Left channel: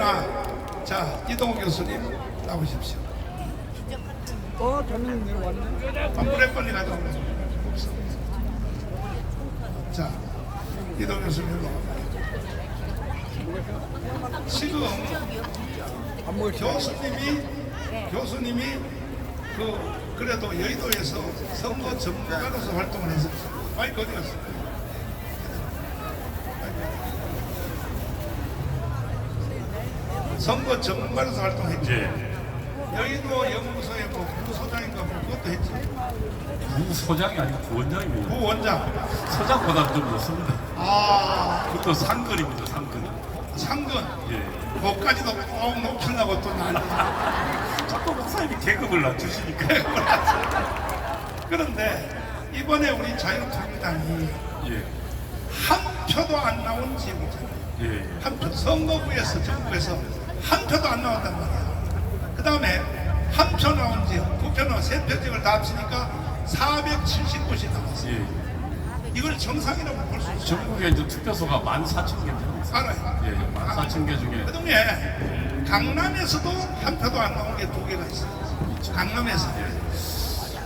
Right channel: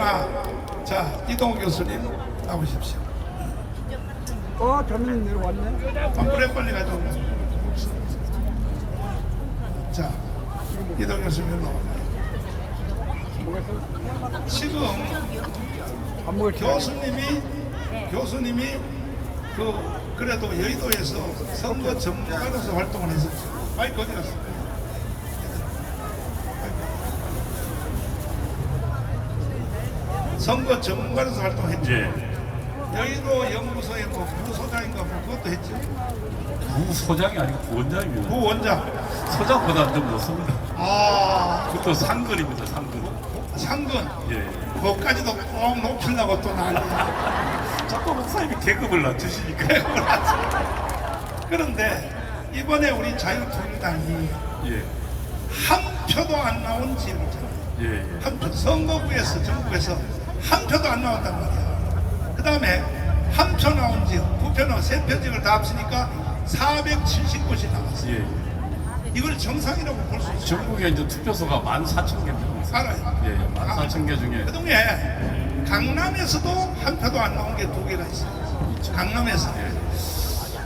그러나 자 이동 교수님 나오십시오. 저는 내려왔네. 한번에 빨리 가져오고. 자 이동 교수님 일로 와. 지금 교수님이 그래도 여의도에서 선거 전문가로서 활동을 했었죠. 마이크 어디 갔어? 선거 전문가로서 활동했죠. 여의도 연구소의 뭐 부소장인가 뭐 그것도 했죠. 부소장이 아니고 부원장입니다. 부원장. 소장보다 좀 높습니다. 아, 그것도 상근입니다. 상근. 상근. 예. 그것까지도 꼭 높이려고 또 난리. 자꾸 목사님이 계급을 낮추시니까. 그런데 이번에 우리 자유통일당이 예. 한 표도 안 나온 지역이잖아요. 예. 한 표, 선거구에서 전국에서 한 표도 안 나왔단 말이야. 그 다음에 한 표 나온 지역, 9표 나온 3표 지역을 다 합치니까 470곳이 나왔어요. 예. 이걸 정상이라고 볼 수 있어요. 전국에 이제 투표소가 14,000개 정도 있어요. 알아요. 예. 14,000개 중에. 그동안에 강남에서도 한 표도 안 나온 게 2개가 있어요. 강남에서.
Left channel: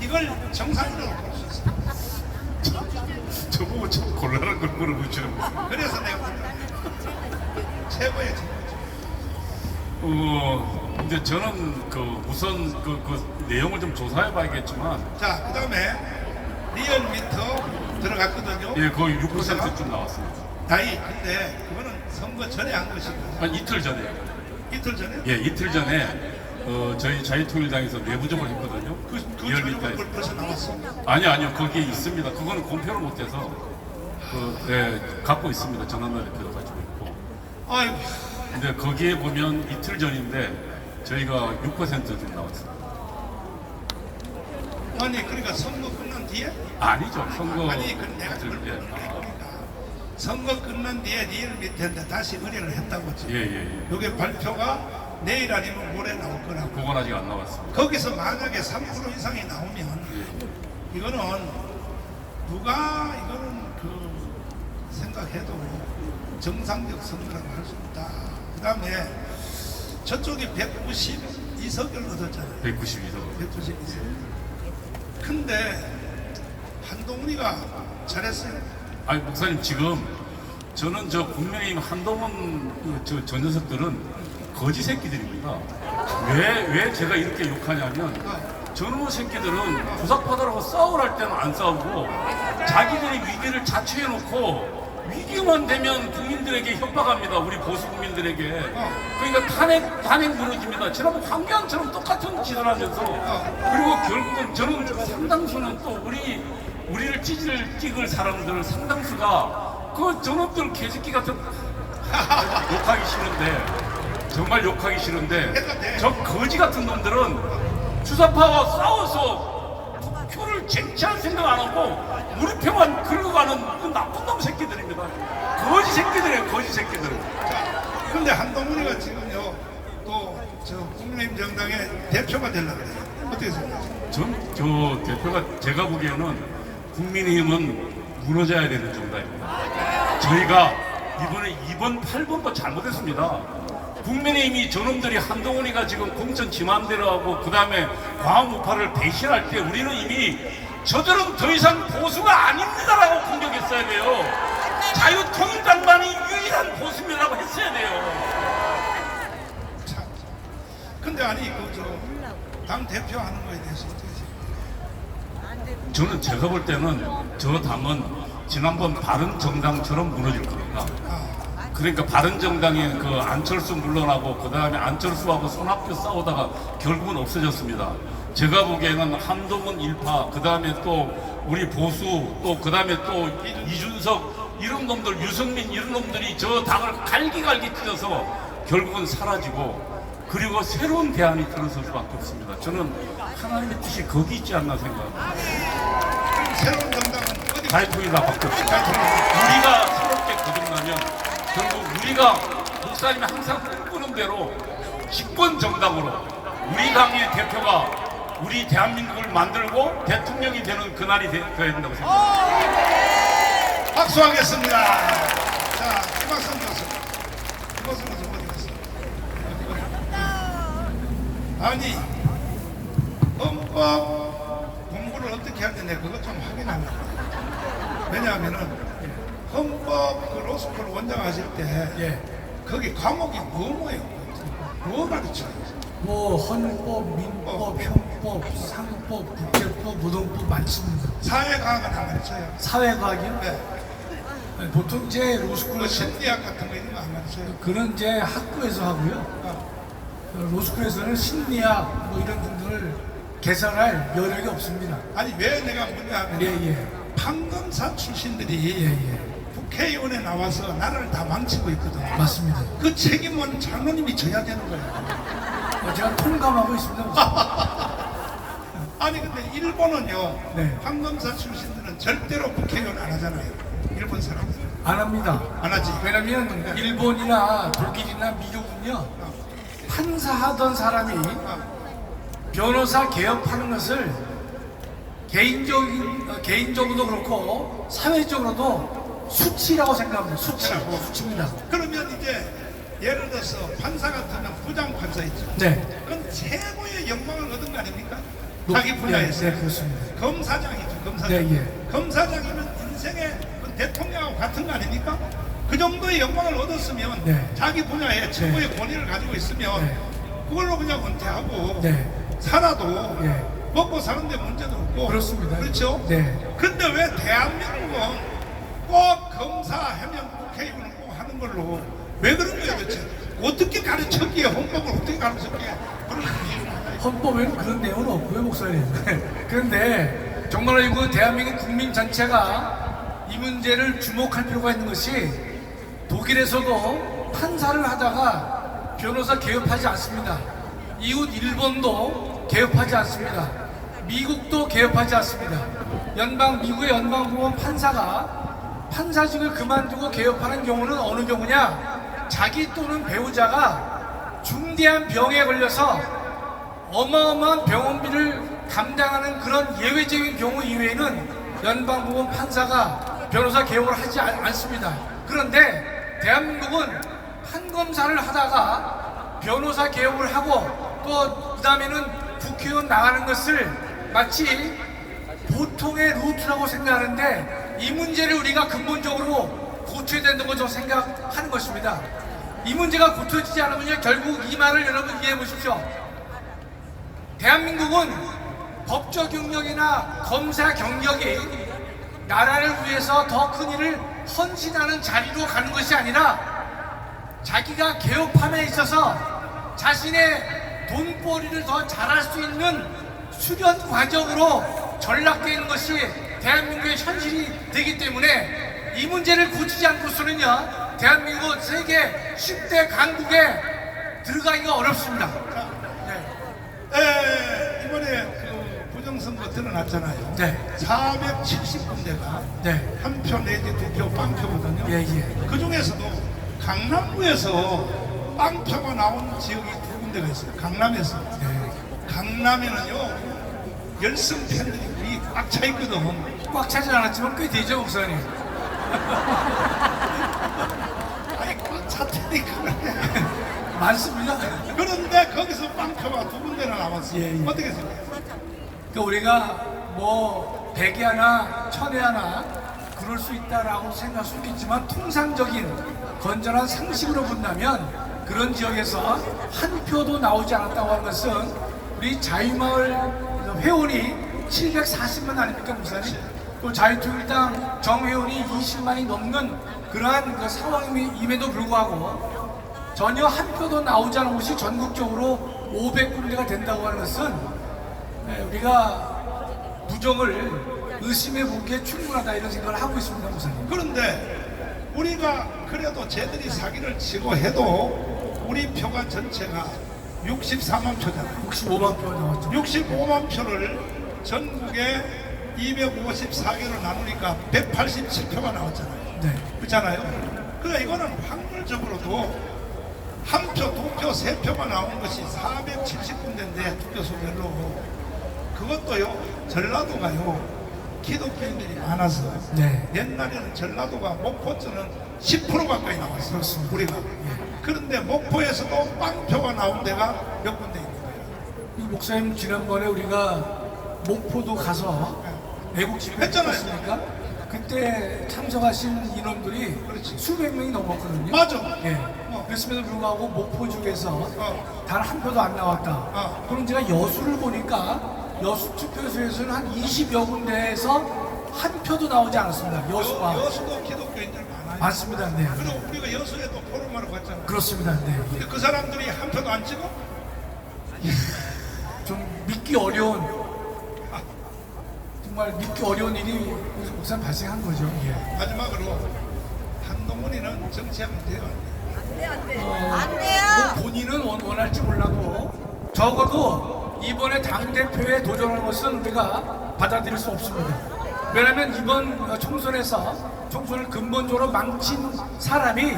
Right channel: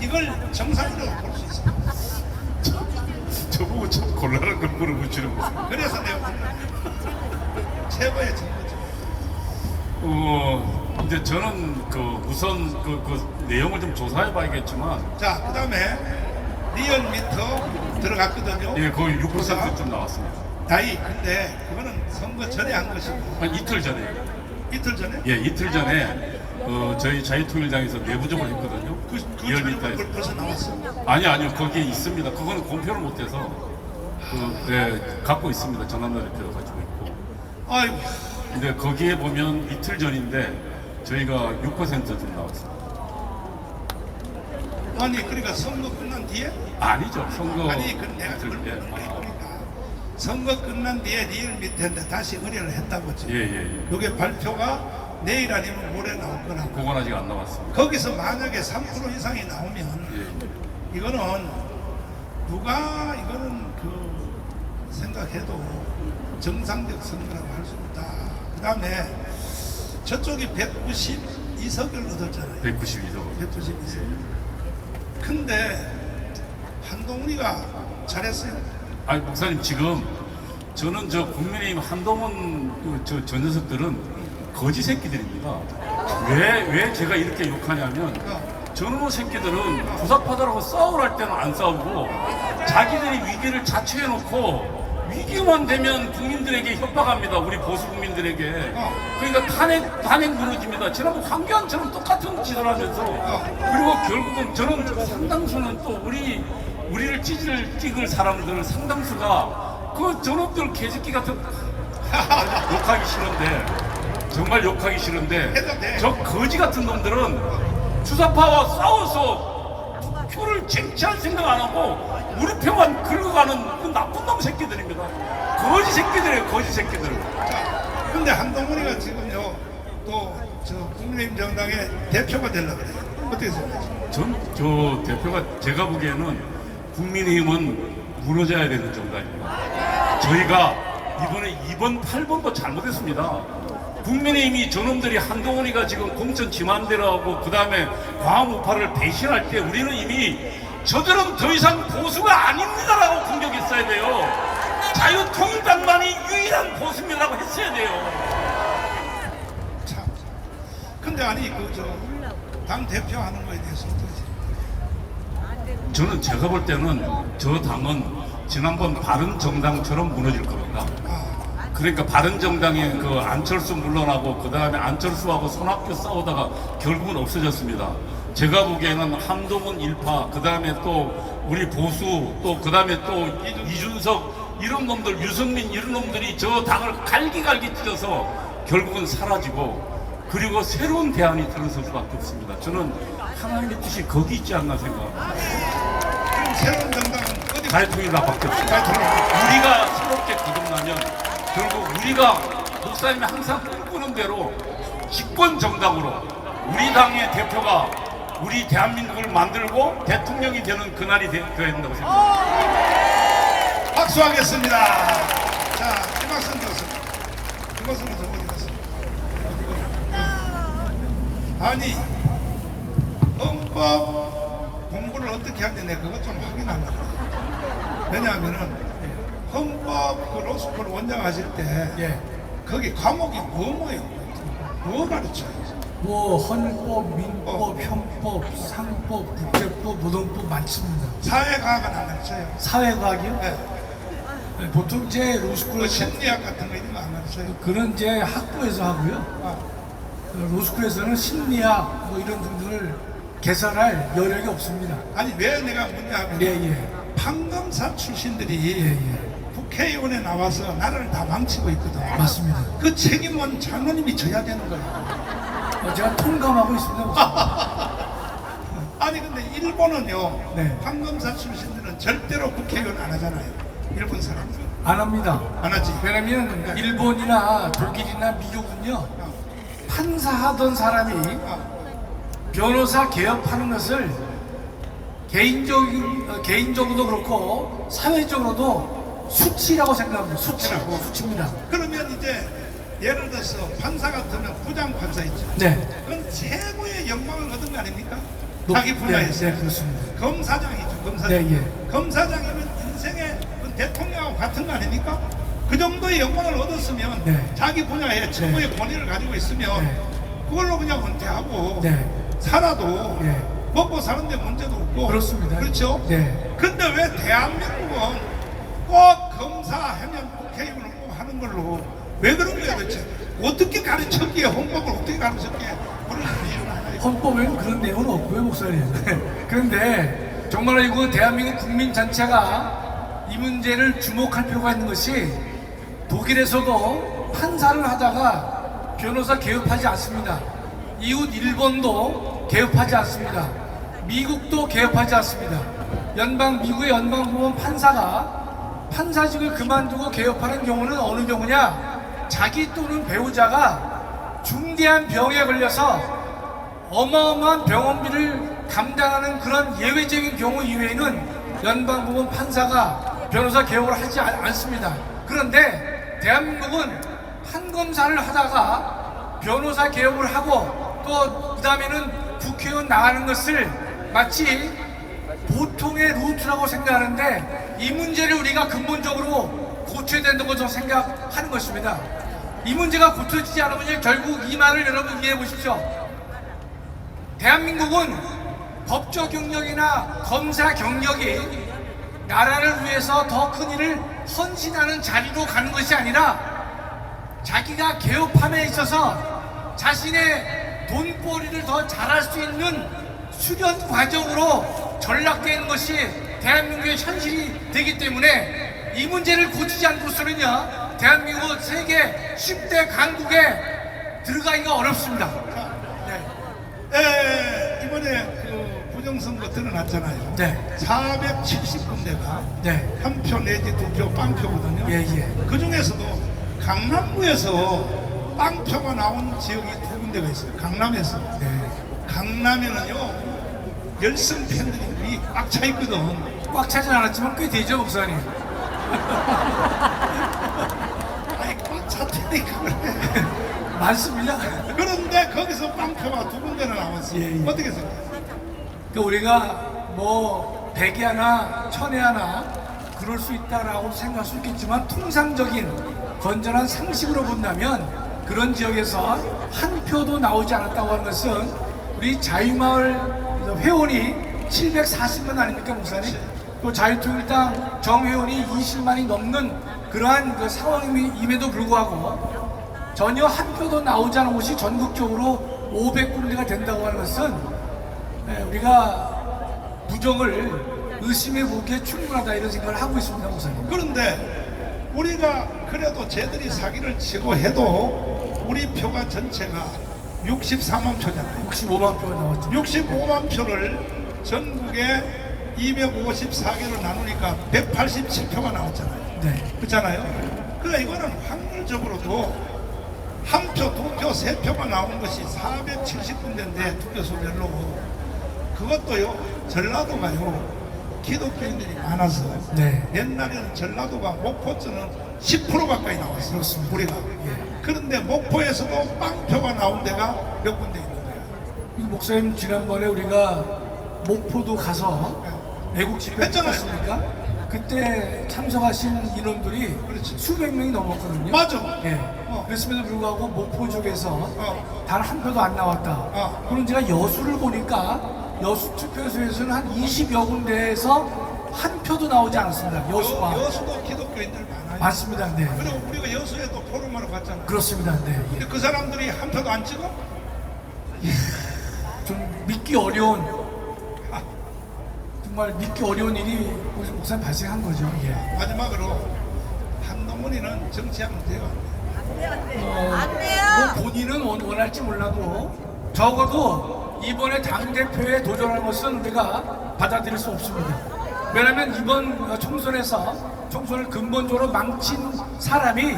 이걸 정상이라고 볼 수 있어요. 저보고 참 곤란한 걸 물어보시는 거예요. 그래서 내가 최고의 증거죠. 이제 저는 우선 그 내용을 좀 조사해 봐야겠지만. 자, 그 다음에 리얼미터 들어갔거든요. 예, 거의 6%쯤 나왔습니다. 나이, 근데 그거는 선거 전에 한 것이고. 한 이틀 전에. 이틀 전에? 예, 이틀 전에 저희 자유통일당에서 내부적으로 했거든요. 그 리얼미터에서. 전에 벌써 나왔어. 아니요, 거기에 있습니다. 그거는 공표를 못해서 갖고 있습니다. 전환나 대표가 가지고 있고. 아이고, 근데 거기에 보면 이틀 전인데 저희가 6%좀 나왔습니다. 아니, 그러니까 선거 끝난 뒤에? 아니죠, 선거. 아니, 그 내가 그걸 예. 모르니까. 선거 끝난 뒤에 리얼미터인데 다시 의뢰를 했다고 했죠. 예. 이게 발표가 내일 아니면 모레 나올 거라고. 그건 아직 안 나왔습니다. 거기서 만약에 3% 이상이 나오면 예. 이거는 누가 이거는 생각해도 정상적 선거라고 할 수 있다. 그 다음에 저쪽이 192석을 얻었잖아요. 192석. 192석. 근데 한동훈이가 잘했어요. 아니, 목사님, 지금 저는 국민의힘 한동훈 저 녀석들은 거지 새끼들입니다. 왜 제가 이렇게 욕하냐면, 저놈의 새끼들은 부사파들하고 싸우랄 때는 안 싸우고 자기들이 위기를 자초해놓고 위기만 되면 국민들에게 협박합니다. 우리 보수 국민들에게. 그러니까 탄핵 무너집니다. 지난번 황교안처럼 똑같은 짓을 하면서, 그리고 결국은 저는 상당수는 또 우리를 찍을 사람들 상당수가 저놈들 개새끼 같은 욕하기 싫은데, 정말 욕하기 싫은데, 저 거지 같은 놈들은 주사파와 싸워서 표를 쟁취할 생각 안 하고 우리 표만 긁어가는 그 나쁜 놈 새끼들입니다. 거지 새끼들이에요, 거지 새끼들은. 근데 한동훈이가 지금요, 또 저 국민의힘 정당의 대표가 되려고 그래요. 어떻게 생각하세요? 저 대표가 제가 보기에는 국민의힘은 무너져야 되는 정당입니다. 저희가 이번 8번도 잘못했습니다. 국민의힘이 저놈들이 한동훈이가 지금 공천 지만대로 하고 그 다음에 광우파를 배신할 때 우리는 이미 저들은 더 이상 보수가 아닙니다라고 공격했어야 돼요. 자유통일당만이 유일한 보수입니다라고 했어야 돼요. 참. 근데 아니 당 대표 하는 거에 대해서 어떻게 생각해요? 저는 제가 볼 때는 저 당은 지난번 바른정당처럼 무너질 겁니다. 그러니까 바른정당에 안철수 물러나고 그 다음에 안철수하고 손학규 싸우다가 결국은 없어졌습니다. 제가 보기에는 한동훈 일파, 그 다음에 또 우리 보수, 또 그 다음에 또 이준석 이런 놈들, 유승민 이런 놈들이 저 당을 갈기갈기 찢어서 결국은 사라지고, 그리고 새로운 대안이 들어설 수밖에 없습니다. 저는 하나님의 뜻이 거기 있지 않나 생각합니다. 새로운 정당은 어디 자유통일당밖에 없습니다. 우리가 새롭게 거듭나면 결국 우리가 목사님이 항상 꿈꾸는 대로 집권 정당으로 우리 당의 대표가 우리 대한민국을 만들고 대통령이 되는 그날이 되어야 된다고 생각합니다. 박수하겠습니다. 자, 김학선 교수. 김학선 교수 어디 갔어? 아니 헌법 공부를 어떻게 하는데 내가 그것 좀 확인한다. 왜냐하면은 헌법 그 로스쿨 원장 하실 때 예. 거기 과목이 뭐예요? 뭐 가르쳐요? 뭐 헌법, 민법, 형법, 상법, 국제법, 노동법 많습니다. 사회과학은 안 가르쳐요. 사회과학이요? 네. 보통 제 그 로스쿨에서 심리학 같은 거 이런 거 안 가르쳐요. 그런 이제 학부에서 하고요. 로스쿨에서는 심리학 뭐 이런 분들을 개설할 여력이 없습니다. 아니 왜 내가 묻냐면 예. 판검사 출신들이 예. 국회의원에 나와서 나라를 다 망치고 있거든. 맞습니다. 그 책임은 장로님이 져야 되는 거야. 제가 통감하고 있습니다. 아니 근데 일본은요. 네. 판검사 출신들은 절대로 국회의원 안 하잖아요. 일본 사람들 안 합니다. 안 하지. 왜냐면 일본이나 독일이나 미국은요. 판사하던 사람이 변호사 개혁하는 것을 개인적으로도 그렇고 사회적으로도 수치라고 생각합니다. 수치입니다. 그러면 이제 예를 들어서 판사 같으면 부장 판사 있죠. 네. 그럼 최고의 영광을 얻은 거 아닙니까? 높- 자기 분야에서. 네, 그렇습니다. 검사장이죠. 검사장. 네, 검사장이면 인생의 그 대통령하고 같은 거 아닙니까? 그 정도의 영광을 얻었으면 네. 자기 분야에 최고의 권위를 가지고 있으면 네. 그걸로 그냥 은퇴하고 네. 살아도 네. 먹고 사는데 문제도 없고 그렇습니다. 그렇죠? 네. 근데 왜 대한민국은 꼭 검사하면 국회의원을 꼭 하는 걸로 왜 그런 거예요 도대체? 어떻게 가르쳤기에 헌법을 어떻게 가르쳤기에 그런 이해를 안 해요. 헌법에는 그런 내용은 없고요, 목사님. 그런데 정말로 이거 대한민국 국민 전체가 이 문제를 주목할 필요가 있는 것이 독일에서도 판사를 하다가 변호사 개업하지 않습니다. 이웃 일본도 개업하지 않습니다. 미국도 개업하지 않습니다. 미국의 연방법원 판사가 판사직을 그만두고 개업하는 경우는 어느 경우냐? 자기 또는 배우자가 중대한 병에 걸려서 어마어마한 병원비를 감당하는 그런 예외적인 경우 이외에는 연방법원 판사가 변호사 개업을 하지 않습니다. 그런데 대한민국은 판검사를 하다가 변호사 개업을 하고 또 그다음에는 국회의원 나가는 것을 마치 보통의 루트라고 생각하는데 이 문제를 우리가 근본적으로 고쳐야 된다고 저는 생각하는 것입니다. 이 문제가 고쳐지지 않으면 결국 이 말을 여러분 이해해 보십시오. 대한민국은 법조 경력이나 검사 경력이 나라를 위해서 더 큰 일을 헌신하는 자리로 가는 것이 아니라 자기가 개업함에 있어서 자신의 돈벌이를 더 잘할 수 있는 수련 과정으로 전락되는 것이 대한민국의 현실이 되기 때문에 이 문제를 고치지 않고서는요 대한민국은 세계 10대 강국에 들어가기가 어렵습니다. 이번에 그 부정선거 드러났잖아요. 네. 470군데가 네. 한 표 내지 두 표 빵표거든요. 예, 예. 그 중에서도 강남구에서 빵표가 나온 지역이 두 군데가 있어요. 강남에서. 강남에는요 열성 팬들이 꽉 차 있거든. 꽉 차진 않았지만 꽤 되죠, 목사님. 아니 꽉 찼다니까. 많습니다. 그런데 거기서 빵표가 두 군데나 나왔어요. 예, 예. 어떻게 생각해요? 그러니까 우리가 뭐 100에 하나, 1000에 하나 그럴 수 있다라고 생각할 수 있겠지만 통상적인 건전한 상식으로 본다면 그런 지역에서 한 표도 나오지 않았다고 하는 것은 우리 자유마을 회원이 740만 아닙니까, 목사님? 또 자유통일당 정회원이 20만이 넘는 그러한 그 상황임에도 불구하고 전혀 한 표도 나오지 않은 곳이 전국적으로 500군데가 된다고 하는 것은 우리가 부족을 의심해 보기에 충분하다 이런 생각을 하고 있습니다, 목사님. 그런데 우리가 그래도 쟤들이 사기를 치고 해도 우리 표가 전체가 64만 표잖아요. 65만 표가 나왔죠. 65만 표를 전국에 254개로 나누니까 187표가 나왔잖아요. 네. 그렇잖아요. 그러니까 이거는 확률적으로도 한 표, 두 표, 세 표가 나온 것이 470군데인데 투표소별로 그것도요 전라도가요 기독교인들이 많아서 네. 옛날에는 전라도가 목포주는 10% 가까이 나왔어요. 그렇습니다. 우리가. 예. 그런데 목포에서도 빵표가 나온 데가 몇 군데 있는 거예요. 이 목사님 지난번에 우리가 목포도 가서 외국 집회 했잖아요. 했습니까? 그때 참석하신 인원들이 그렇지. 수백 명이 넘었거든요. 맞아. 예. 그랬음에도 불구하고 목포 쪽에서 단 한 표도 안 나왔다. 그럼 제가 여수를 보니까 여수 투표소에서는 한 20여 군데에서 한 표도 나오지 않았습니다. 여수가. 여수도 기독교인들 많아요. 맞습니다. 네. 그리고 우리가 여수에도 포럼하러 갔잖아. 그렇습니다. 네. 근데 그 사람들이 한 표도 안 찍어? 좀 믿기 어려운, 정말 믿기 어려운 일이 우선 발생한 거죠. 예. 마지막으로 한동훈이는 정치하면 돼요. 뭐 본인은 원할지 몰라도 적어도 이번에 당대표에 도전하는 것은 우리가 받아들일 수 없습니다. 왜냐하면 이번 총선을 근본적으로 망친 사람이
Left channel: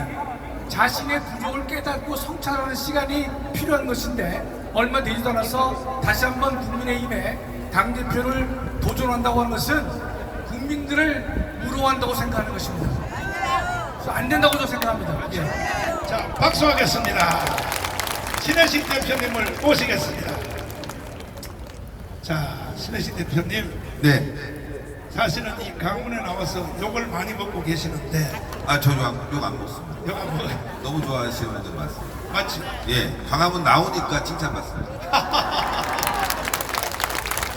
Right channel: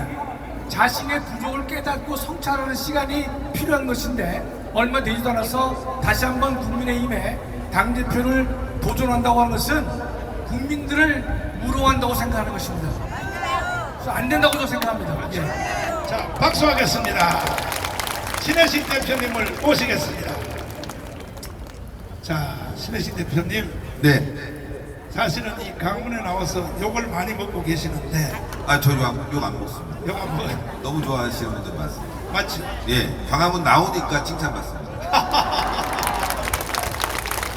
자신의 부족을 깨닫고 성찰하는 시간이 필요한 것인데 얼마 되지도 않아서 다시 한번 국민의힘에 당대표를 도전한다고 하는 것은 국민들을 무료한다고 생각하는 것입니다. 그래서 안 된다고 저는 생각합니다. 예. 자, 박수하겠습니다. 신혜식 대표님을 모시겠습니다. 자, 신혜식 대표님, 네. 사실은 이 강문에 나와서 욕을 많이 먹고 계시는데, 저 욕 안 먹습니다. 욕 안 먹어요. 너무 좋아하시는 분들 많습니다. 맞지? 예. 강화문 나오니까 칭찬받습니다.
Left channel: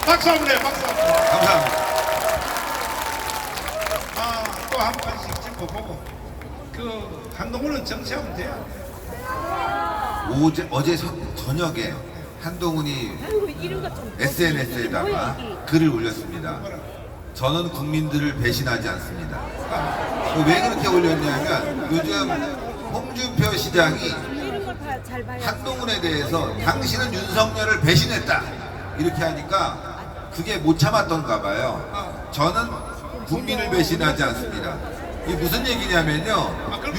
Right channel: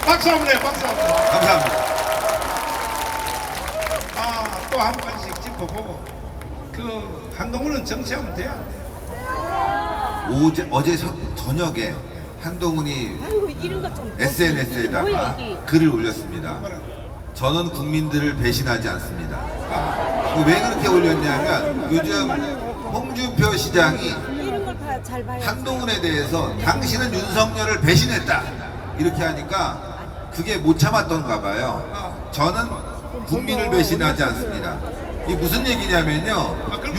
박수 한번 해, 박수 한번 해. 감사합니다. 또 한 가지씩 짚어보고, 한동훈은 정치하면 돼요. 어제 저녁에 한동훈이 아이고 이런 거좀 SNS에다가 글을 올렸습니다. 저는 국민들을 배신하지 않습니다. 왜 그렇게 올렸냐면 요즘 홍준표 시장이 이런 걸 다 잘 봐야 한동훈에 대해서 당신은 윤석열을 배신했다 이렇게 하니까 그게 못 참았던가 봐요. 저는 국민을 배신하지 않습니다. 이게 무슨 얘기냐면요. 그럼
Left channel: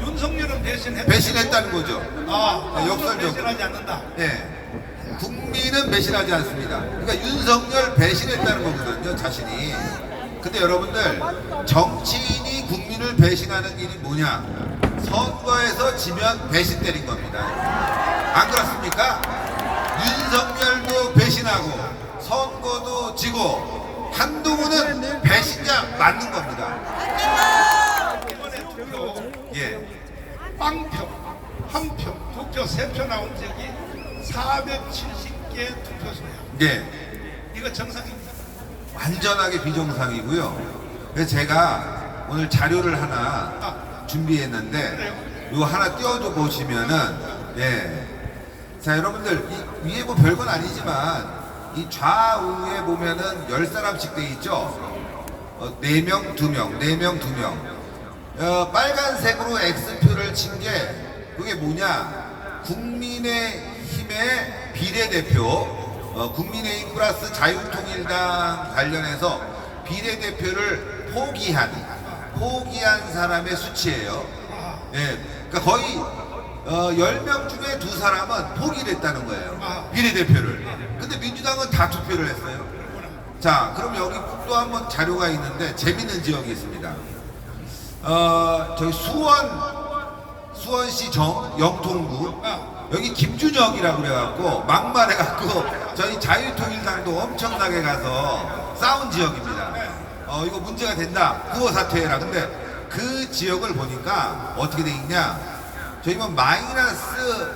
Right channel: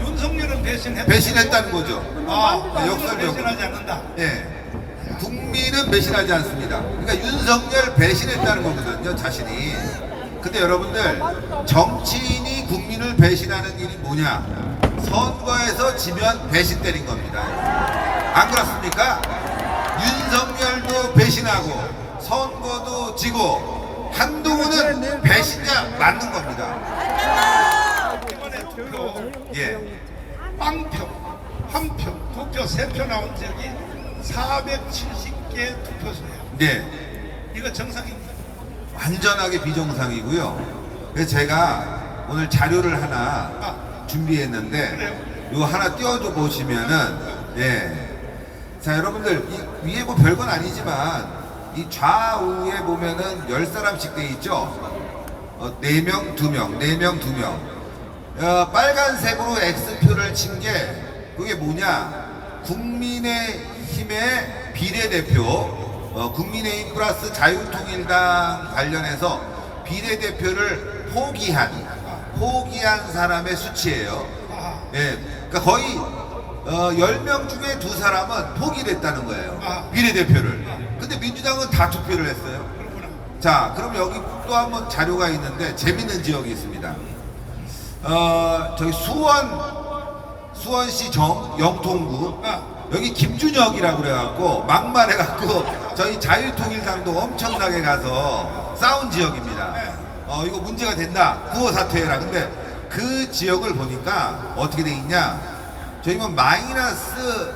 윤석열은 배신했다는 거죠. 네, 역설적으로. 배신하지 않는다. 예. 국민은 배신하지 않습니다. 그러니까 윤석열 배신했다는 거거든요, 자신이. 근데 여러분들, 정치인이 국민을 배신하는 일이 뭐냐? 선거에서 지면 배신 때린 겁니다. 안 그렇습니까? 윤석열도 배신하고, 선거도 지고, 한동훈은 배신자 맞는 겁니다. 예. 빵표, 한 표, 두 표, 세 표 나온 적이 470개 투표소야. 네. 이거 정상입니까? 완전하게 비정상이고요. 그래서 제가 오늘 자료를 하나 준비했는데 이거 하나 띄워줘 보시면은 예. 자 여러분들 이게 뭐 별건 아니지만 이 좌우에 보면은 10사람씩 돼 있죠. 4명, 2명, 4명, 2명. 빨간색으로 X표를 친 게 그게 뭐냐? 국민의힘의 비례대표, 국민의힘 플러스 자유통일당 관련해서 비례대표를 포기한 사람의 수치예요. 예, 그러니까 거의 10명 중에 2사람은 포기됐다는 거예요. 비례대표를. 근데 민주당은 다 투표를 했어요. 자, 그럼 여기 또 한 번 자료가 있는데 재밌는 지역이 있습니다. 저기 수원시 영통구 여기 김준혁이라고 그래갖고 막말해갖고 저희 자유통일당도 엄청나게 가서 싸운 지역입니다. 이거 문제가 된다. 구호 사퇴해라. 근데 그 지역을 보니까 어떻게 돼 있냐? 저희 뭐 마이너스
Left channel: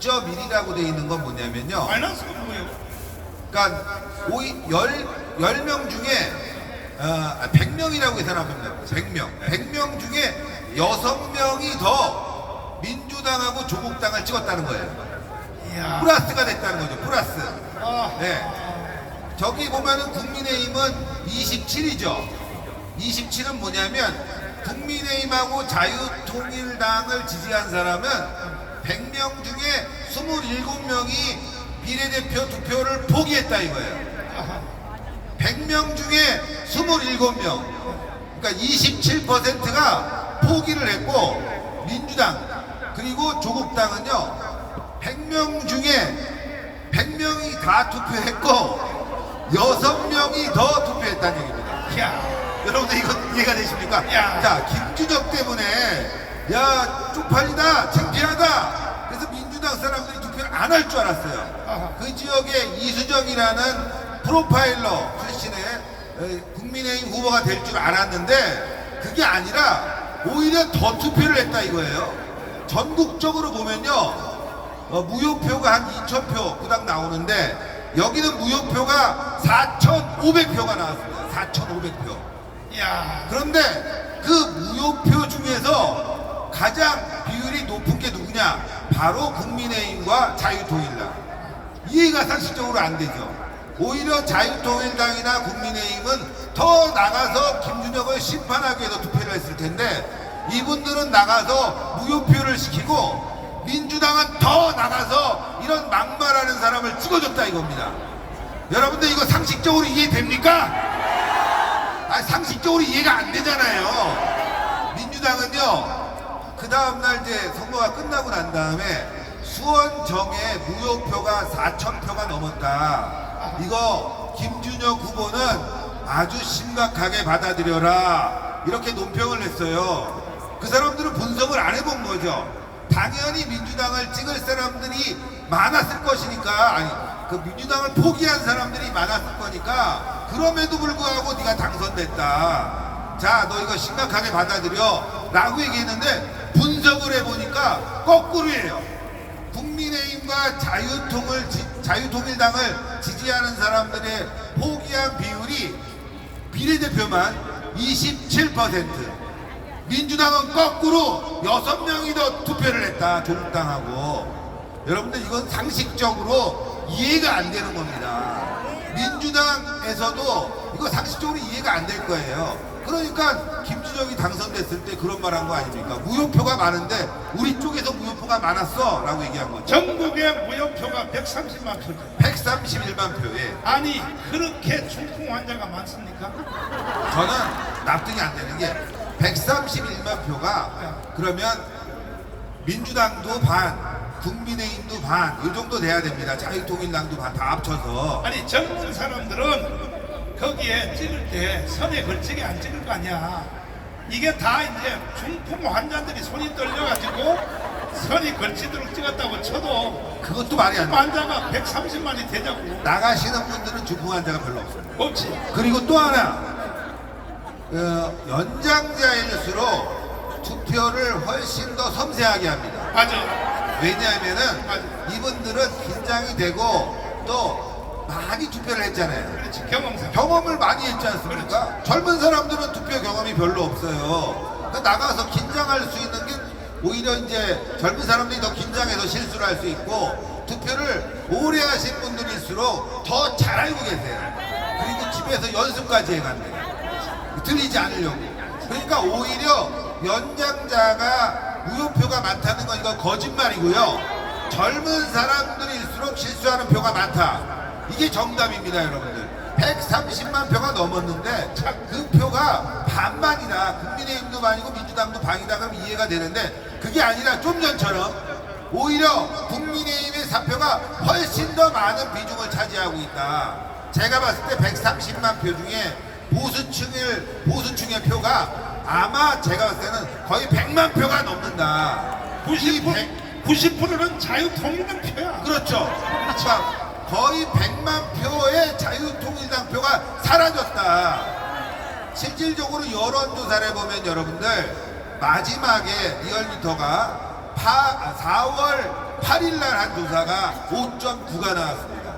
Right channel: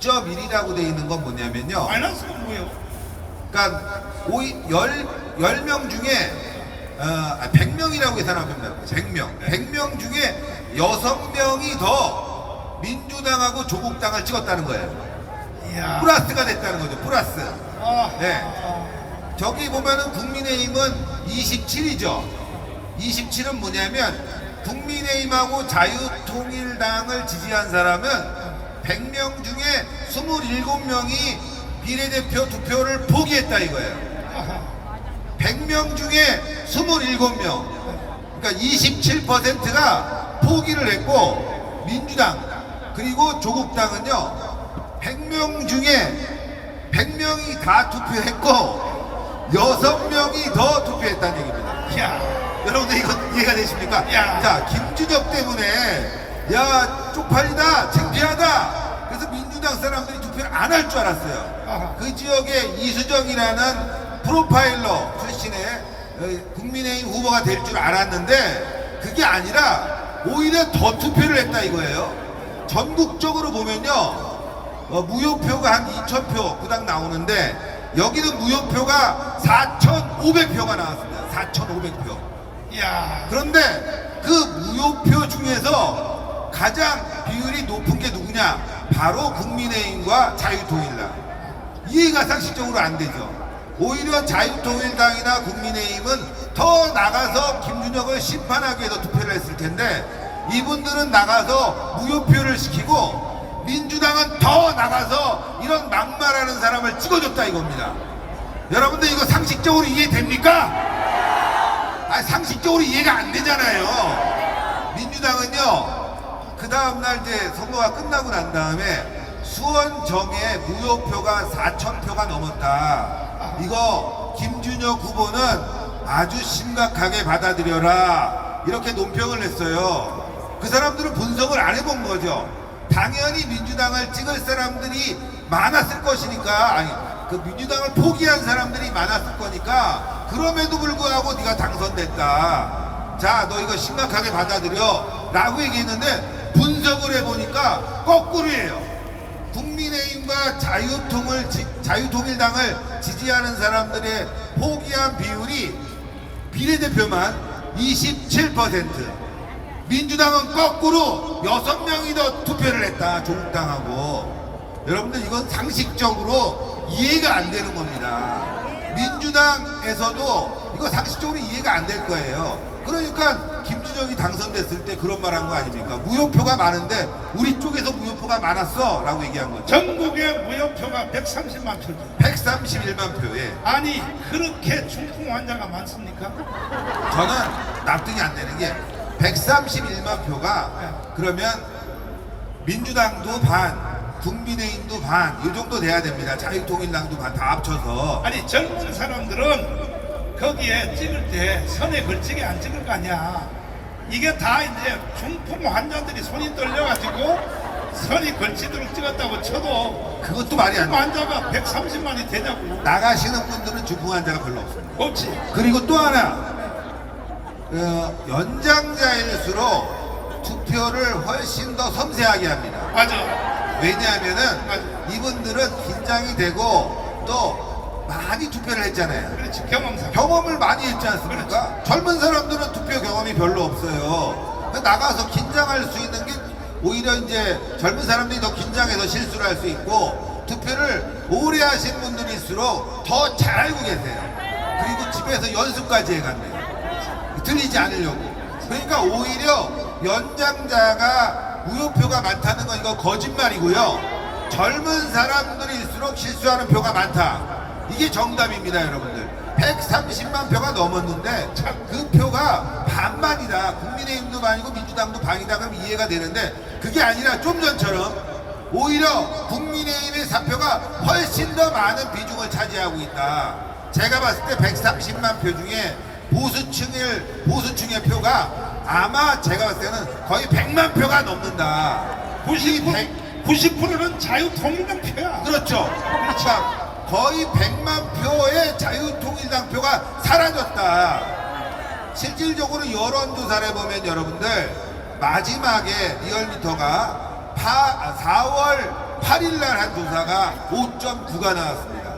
6.1이라고 돼 있는 건 뭐냐면요. 마이너스가 뭐예요? 그러니까 10명 중에 100명이라고 계산하면 됩니다. 100명 중에 6명이 더 민주당하고 조국당을 찍었다는 거예요. 이야. 플러스가 됐다는 거죠. 플러스. 아. 네. 저기 보면은 국민의힘은 27이죠. 27은 뭐냐면 국민의힘하고 자유통일당을 지지한 사람은 100명 중에 27명이 비례대표 투표를 포기했다 이거예요. 100명 중에 27명, 그러니까 27%가 포기를 했고 민주당 그리고 조국당은요 100명 중에 100명이 다 투표했고 6명이 더 투표했다는 얘기입니다. 야, 여러분들 이거 이해가 되십니까? 야. 자, 김준혁 때문에 야 쪽팔리다 창피하다 그래서 민주당 사람들이 투표를 안 할 줄 알았어요. 아하. 그 지역에 이수정이라는 프로파일러 출신의 국민의힘 후보가 될 줄 알았는데 그게 아니라 오히려 더 투표를 했다 이거예요. 전국적으로 보면요. 무효표가 한 2,000표 그닥 나오는데 여기는 무효표가 4,500표가 나왔습니다. 4,500표. 이야, 그런데 그 무효표 중에서 가장 비율이 높은 게 누구냐? 바로 국민의힘과 자유통일당. 이해가 상식적으로 안 되죠. 오히려 자유통일당이나 국민의힘은 더 나가서 김준혁을 심판하기 위해서 투표를 했을 텐데 이분들은 나가서 무효표를 시키고 민주당은 더 나가서 이런 막말하는 사람을 찍어줬다 이겁니다. 여러분들 이거 상식적으로 이해됩니까? 상식적으로 이해가 안 되잖아요. 민주당은요 그 다음날 이제 선거가 끝나고 난 다음에 수원정에 무효표가 4,000표가 넘었다. 이거 김준혁 후보는 아주 심각하게 받아들여라 이렇게 논평을 냈어요. 그 사람들은 분석을 안 해본 거죠. 당연히 민주당을 찍을 사람들이 많았을 것이니까, 아니 그 민주당을 포기한 사람들이 많았을 거니까 그럼에도 불구하고 네가 당선됐다. 자, 너 이거 심각하게 받아들여 라고 얘기했는데 분석을 해보니까 거꾸로예요. 국민의힘과 자유통일당을 지지하는 사람들의 포기한 비율이 비례대표만 27%, 민주당은 거꾸로 6명이 더 투표를 했다. 조국당하고. 여러분들 이건 상식적으로 이해가 안 되는 겁니다. 민주당에서도 이거 상식적으로 이해가 안 될 거예요. 그러니까 김준혁이 당선됐을 때 그런 말 한 거 아닙니까? 무효표가 많은데 우리 쪽에서 무효표가 많았어 라고 얘기한 거죠. 전국의 무효표가 130만 표죠. 131만 표에 아니, 그렇게 중풍 환자가 많습니까? 저는 납득이 안 되는 게 131만 표가 그러면 민주당도 반, 국민의힘도 반, 이 정도 돼야 됩니다. 자유통일당도 반 다 합쳐서. 아니, 젊은 사람들은 거기에 찍을 때 선에 걸치게 안 찍을 거 아니야. 이게 다 이제 중풍 환자들이 손이 떨려가지고 선이 걸치도록 찍었다고 쳐도 그것도 말이 안 중풍 돼. 환자가 130만이 되냐고. 나가시는 분들은 중풍 환자가 별로 없어요. 없지. 그리고 또 하나, 연장자일수록 투표를 훨씬 더 섬세하게 합니다. 맞아. 왜냐하면은 이분들은 긴장이 되고 또 많이 투표를 했잖아요. 그렇지. 경험상. 경험을 많이 했지 않습니까? 젊은 사람들은 투표 경험이 별로 없어요. 그러니까 나가서 긴장할 수 있는 게 오히려 이제 젊은 사람들이 더 긴장해서 실수를 할 수 있고 투표를 오래 하신 분들일수록 더 잘 알고 계세요. 그리고 집에서 연습까지 해간대요. 틀리지 않으려고. 그러니까 오히려 연장자가 무효표가 많다는 건 이거 거짓말이고요. 젊은 사람들일수록 실수하는 표가 많다. 이게 정답입니다, 여러분들. 130만 표가 넘었는데 그 표가 반반이다. 국민의힘도 반이고 민주당도 반이다. 그럼 이해가 되는데 그게 아니라 좀 전처럼 오히려 국민의힘의 사표가 훨씬 더 많은 비중을 차지하고 있다. 제가 봤을 때 130만 표 중에 보수층의 표가 아마 제가 봤을 때는 거의 100만 표가 넘는다. 90%는 자유통일당 표야. 그렇죠. 그러니까 거의 100만 표의 자유통일당 표가 사라졌다. 실질적으로 여론조사를 해보면 여러분들 마지막에 리얼미터가 4월 8일날 한 조사가 5.9가 나왔습니다.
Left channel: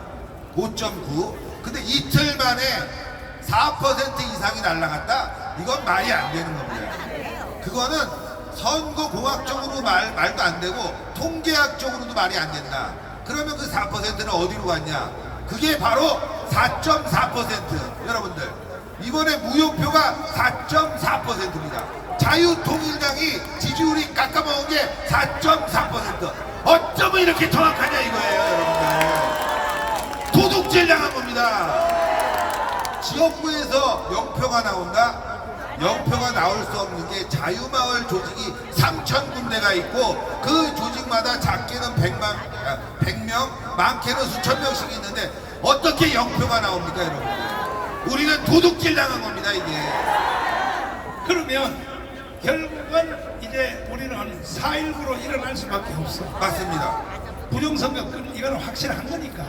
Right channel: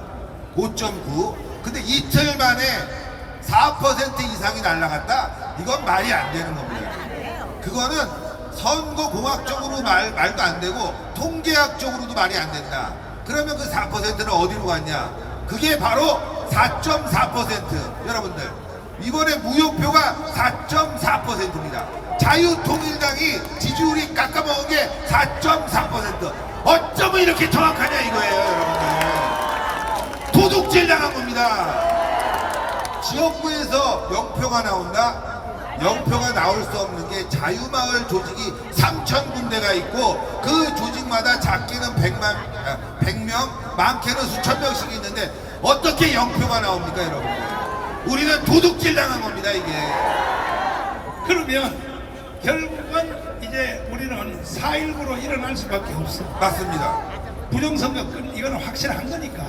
5.9. 근데 이틀 만에 4% 이상이 날라갔다? 이건 말이 안 되는 겁니다. 그거는 선거공학적으로 말도 안 되고 통계학적으로도 말이 안 된다. 그러면 그 4%는 어디로 갔냐? 그게 바로 4.4%. 여러분들 이번에 무효표가 4.4%입니다. 자유통일당이 지지율이 깎아먹은 게 4.4%. 어쩌면 이렇게 정확하냐 이거예요, 여러분들. 도둑질 당한 겁니다. 지역구에서 0표가 나온다? 0표가 나올 수 없는 게 자유마을 조직이 3,000군데가 있고 그 조직마다 작게는 100명, 많게는 수천 명씩 있는데 어떻게 0표가 나옵니까, 여러분들? 우리는 도둑질 당한 겁니다, 이게. 그러면 결국은 이제 우리는 4.19로 일어날 수밖에 없어. 맞습니다. 부정선거 이거는 확실한 거니까.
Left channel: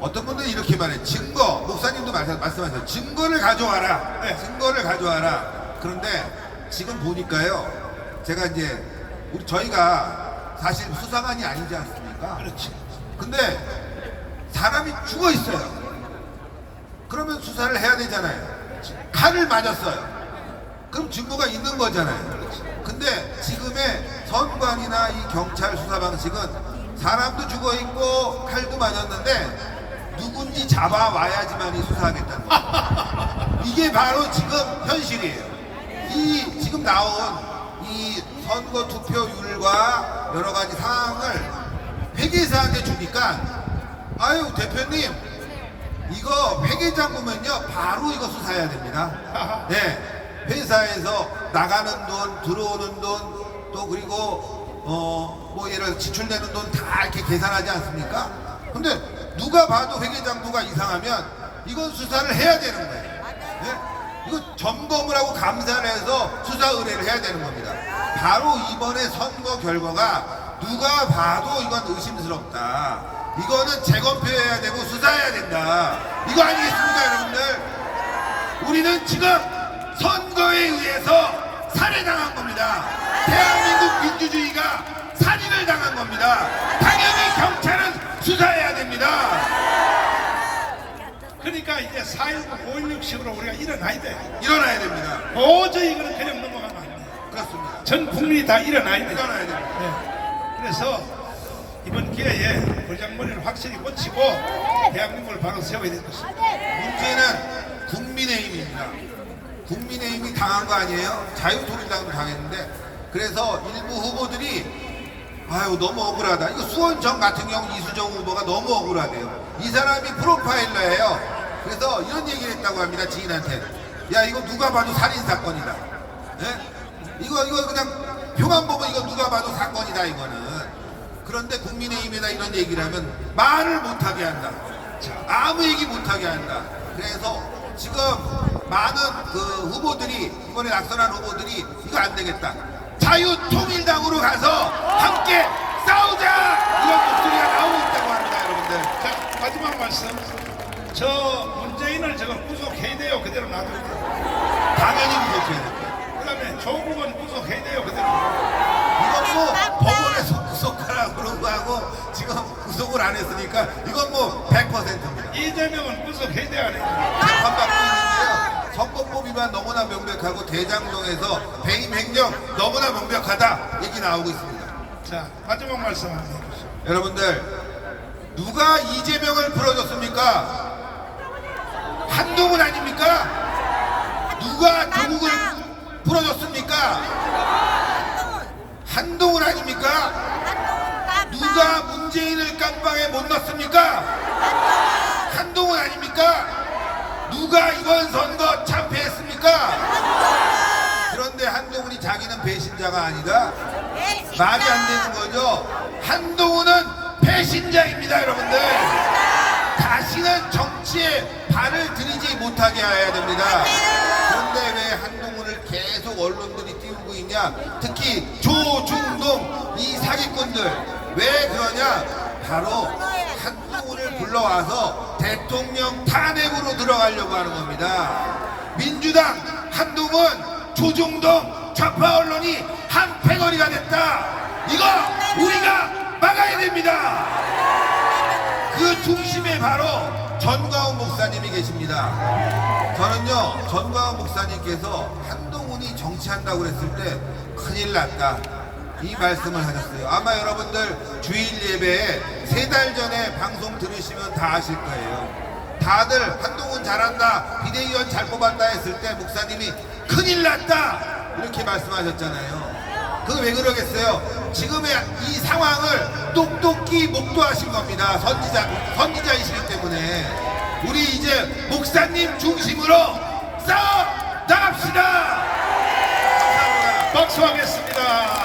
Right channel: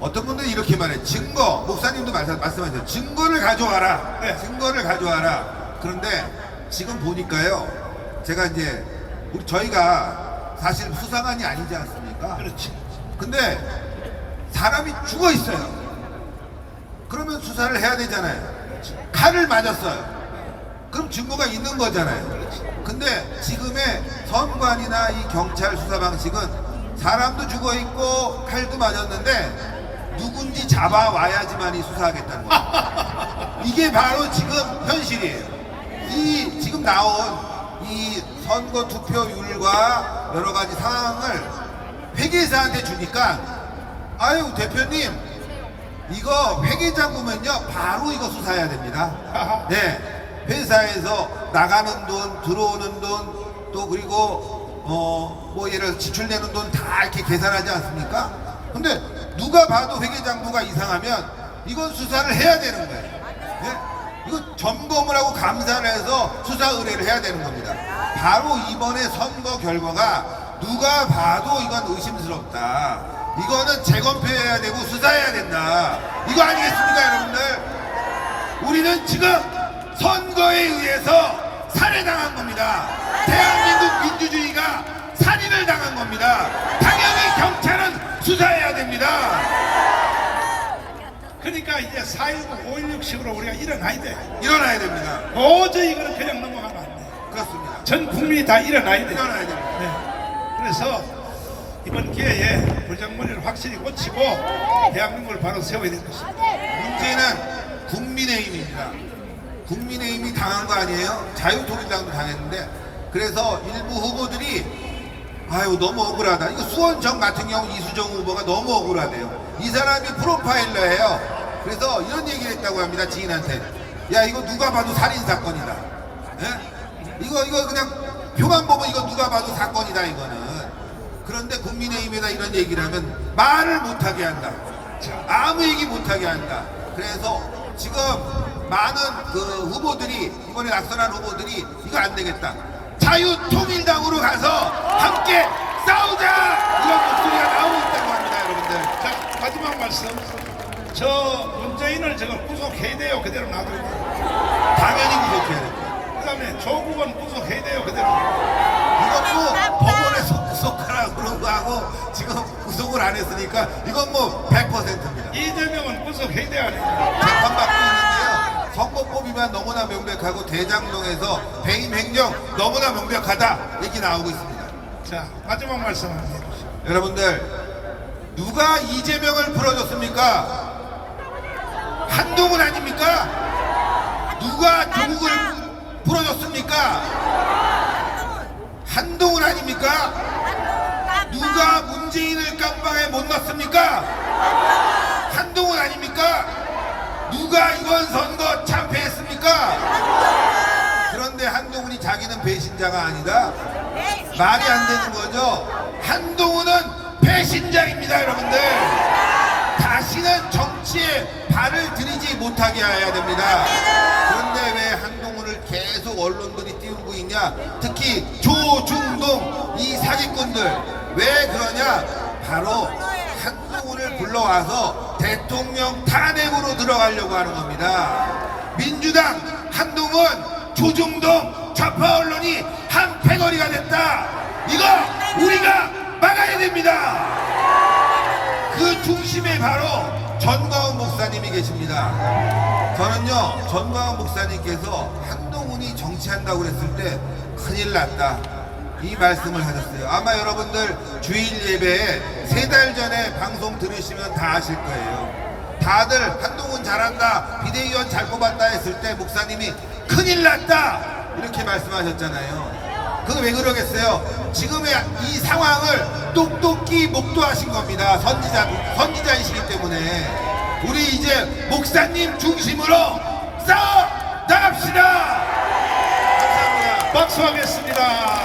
어떤 분들은 이렇게 말해. 증거, 목사님도 말씀하셨죠. 증거를 가져와라. 네. 증거를 가져와라. 그런데 지금 보니까요, 제가 이제 저희가 사실 수사관이 아니지 않습니까? 그렇지. 근데 사람이 죽어 있어요. 그러면 수사를 해야 되잖아요. 칼을 맞았어요. 그럼 증거가 있는 거잖아요. 근데 지금의 선관이나 이 경찰 수사 방식은 사람도 죽어 있고 칼도 맞았는데 누군지 잡아와야지만이 수사하겠다는 거예요. 이게 바로 지금 현실이에요. 이 지금 나온 이 선거 투표율과 여러 가지 상황을 회계사한테 주니까, 아유 대표님 이거 회계장 보면요 바로 이거 수사해야 됩니다. 네, 회사에서 나가는 돈, 들어오는 돈, 또 그리고 뭐 예를 들어 지출되는 돈 다 이렇게 계산하지 않습니까? 근데 누가 봐도 회계장부가 이상하면 이건 수사를 해야 되는 거예요. 네? 이거 점검을 하고 감사를 해서 수사 의뢰를 해야 되는 겁니다. 바로 이번에 선거 결과가 누가 봐도 이건 의심스럽다. 이거는 재검표해야 되고 수사해야 된다. 이거 아니겠습니까, 여러분들? 우리는 지금 선거에 의해서 살해당한 겁니다. 대한민국 민주주의가 살인을 당한 겁니다. 당연히 경찰은 수사해야 됩니다. 그러니까 이제 4.19, 5.16식으로 우리가 일어나야 돼. 일어나야 됩니다. 도저히 이거는 그냥 넘어가면 안 돼. 그렇습니다. 전 국민이 다 일어나야 돼. 일어나야 됩니다. 네. 그래서 이번 기회에 불장머리를 확실히 고치고 대한민국을 바로 세워야 될 것입니다. 문제는 국민의힘입니다. 국민의힘이 당한 거 아니에요? 자유통일당도 당했는데, 그래서 일부 후보들이 아유 너무 억울하다. 이거 수원청 같은 경우 이수정 후보가 너무 억울하대요. 이 사람이 프로파일러예요. 그래서 이런 얘기를 했다고 합니다. 지인한테. 야 이거 누가 봐도 살인사건이다. 예? 이거 그냥 표만 보면 이거 누가 봐도 사건이다 이거는. 그런데 국민의힘에다 이런 얘기를 하면 말을 못하게 한다. 아무 얘기 못하게 한다. 그래서 지금 많은 그 후보들이, 이번에 낙선한 후보들이 이거 안 되겠다, 자유통일당으로 가서 함께 싸우자, 이런 목소리가 나오고 있다고 합니다. 여러분들, 자, 마지막 말씀. 저 문재인을 지금 구속해야 돼요. 그대로 놔두고. 당연히 구속해야 됩니다. 그 다음에 조국은 구속해야 돼요. 그대로. 이건 뭐 법원에서 구속하라고 그러고 하고 지금 구속을 안 했으니까 이건 뭐 100%입니다. 이재명은 구속해야 돼요. 안 해요? 재판받고 있는데요, 선거법 위반 너무나 명백하고 대장동에서 배임 행정 너무나 명백하다 얘기 나오고 있습니다. 자, 마지막 말씀 한번 해주세요. 여러분들, 누가 이재명을 풀어줬습니까? 한동훈 아닙니까? 누가 조국을 풀어줬습니까? 한동훈 아닙니까? 누가 문재인을 깜빵에 못 넣습니까? 한동훈 아닙니까? 누가 이번 선거 참패했습니까? 그런데 한동훈이 자기는 배신자가 아니다? 말이 안 되는 거죠. 한동훈은 배신자입니다, 여러분들. 다시는 정치에 발을 들이지 못하게 해야 됩니다. 그런데 왜 한동훈을 계속 언론들이 띄우고 있냐? 특히 조중동 이 사기꾼들 왜 그러냐? 바로 한동훈을 불러와서 대통령 탄핵으로 들어가려고 하는 겁니다. 민주당, 한동훈, 조중동 좌파 언론이 한 패거리가 됐다. 이거 우리가 막아야 됩니다. 그 중심에 바로 전광훈 목사님이 계십니다. 저는요, 전광훈 목사님께서 한동훈이 정치한다고 그랬을 때 큰일 났다, 이 말씀을 하셨어요. 아마 여러분들 주일 예배에 3달 전에 방송 들으시면 다 아실 거예요. 다들 한동훈 잘한다, 비대위원 잘 뽑았다 했을 때 목사님이 큰일 났다 이렇게 말씀하셨잖아요. 그거 왜 그러겠어요? 지금의 이 상황을 똑똑히 목도하신 겁니다. 선지자이시기 때문에. 우리 이제 목사님 중심으로 싸워 나갑시다. 감사합니다. 박수하겠습니다.